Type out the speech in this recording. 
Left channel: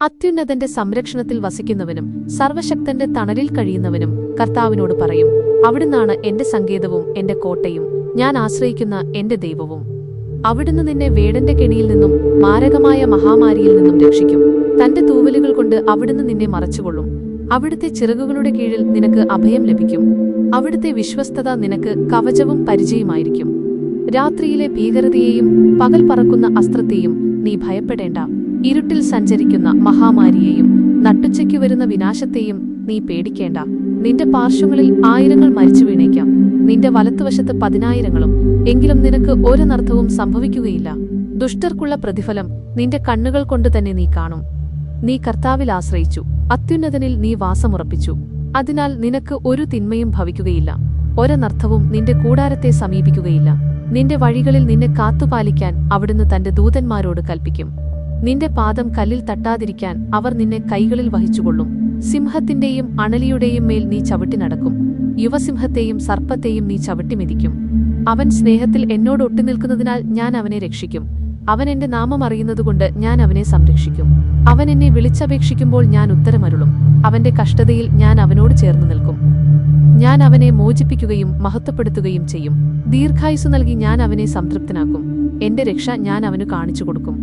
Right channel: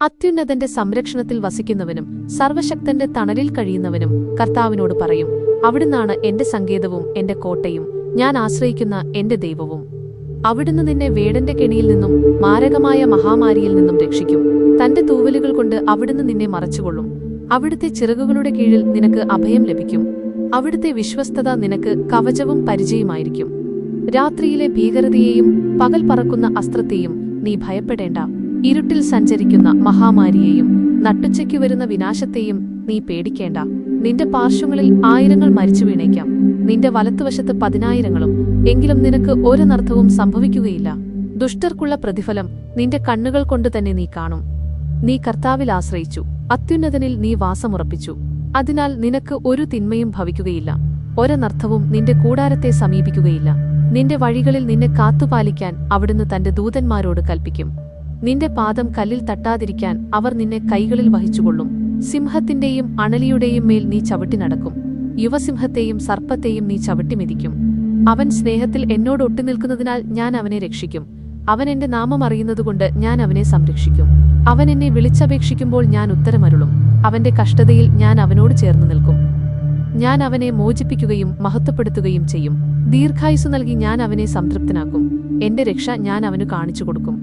അത്യുന്നതന്റെ സംരക്ഷണത്തിൽ വസിക്കുന്നവനും സർവശക്തന്റെ തണലിൽ കഴിയുന്നവനും കർത്താവിനോട് പറയും, അവിടുന്നാണ് എന്റെ സങ്കേതവും എന്റെ കോട്ടയും, ഞാൻ ആശ്രയിക്കുന്ന എന്റെ ദൈവവും. അവിടുന്ന് നിന്നെ വേടന്റെ കെണിയിൽ നിന്നും മാരകമായ മഹാമാരിയിൽ നിന്നും രക്ഷിക്കും. തന്റെ തൂവലുകൾ കൊണ്ട് അവിടുന്ന് നിന്നെ മറച്ചുകൊള്ളും. അവിടുത്തെ ചിറകുകളുടെ കീഴിൽ നിനക്ക് അഭയം ലഭിക്കും. അവിടുത്തെ വിശ്വസ്തത നിനക്ക് കവചവും പരിചയമായിരിക്കും. രാത്രിയിലെ ഭീകരതയെയും പകൽ പറക്കുന്ന അസ്ത്രത്തെയും നീ ഭയപ്പെടേണ്ട. ഇരുട്ടിൽ സഞ്ചരിക്കുന്ന മഹാമാരിയെയും നട്ടുച്ചയ്ക്കു വരുന്ന വിനാശത്തെയും നീ പേടിക്കേണ്ട. നിന്റെ പാർശ്വങ്ങളിൽ 1000 മരിച്ചു വീണേക്കാം, നിന്റെ വലത്തുവശത്ത് 10,000, എങ്കിലും നിനക്ക് ഒരനർത്ഥവും സംഭവിക്കുകയില്ല. ദുഷ്ടർക്കുള്ള പ്രതിഫലം നിന്റെ കണ്ണുകൾ കൊണ്ട് തന്നെ നീ കാണും. നീ കർത്താവിൽ ആശ്രയിച്ചു, അത്യുന്നതനിൽ നീ വാസമുറപ്പിച്ചു. അതിനാൽ നിനക്ക് ഒരു തിന്മയും ഭവിക്കുകയില്ല, ഒരനർത്ഥവും നിന്റെ കൂടാരത്തെ സമീപിക്കുകയില്ല. നിന്റെ വഴികളിൽ നിന്നെ കാത്തുപാലിക്കാൻ അവിടുന്ന് തന്റെ ദൂതന്മാരോട് കൽപ്പിക്കും. നിന്റെ പാദം കല്ലിൽ തട്ടാതിരിക്കാൻ അവർ നിന്നെ കൈകളിൽ വഹിച്ചുകൊള്ളും. സിംഹത്തിന്റെയും അണലിയുടെയും മേൽ നീ ചവിട്ടി നടക്കും. യുവസിംഹത്തെയും സർപ്പത്തെയും നീ ചവിട്ടിമെതിക്കും. അവൻ സ്നേഹത്തിൽ എന്നോട് ഒട്ടിനിൽക്കുന്നതിനാൽ ഞാൻ അവനെ രക്ഷിക്കും. അവൻ എന്റെ നാമം അറിയുന്നതുകൊണ്ട് ഞാൻ അവനെ സംരക്ഷിക്കും. അവൻ എന്നെ വിളിച്ചപേക്ഷിക്കുമ്പോൾ ഞാൻ ഉത്തരമരുളും. അവന്റെ കഷ്ടതയിൽ ഞാൻ അവനോട് ചേർന്ന് നിൽക്കും. ഞാൻ അവനെ മോചിപ്പിക്കുകയും മഹത്വപ്പെടുത്തുകയും ചെയ്യും. ദീർഘായുസ്സു നൽകി ഞാൻ അവനെ സംതൃപ്തനാക്കും. എന്റെ രക്ഷ ഞാൻ അവനു കാണിച്ചു കൊടുക്കും.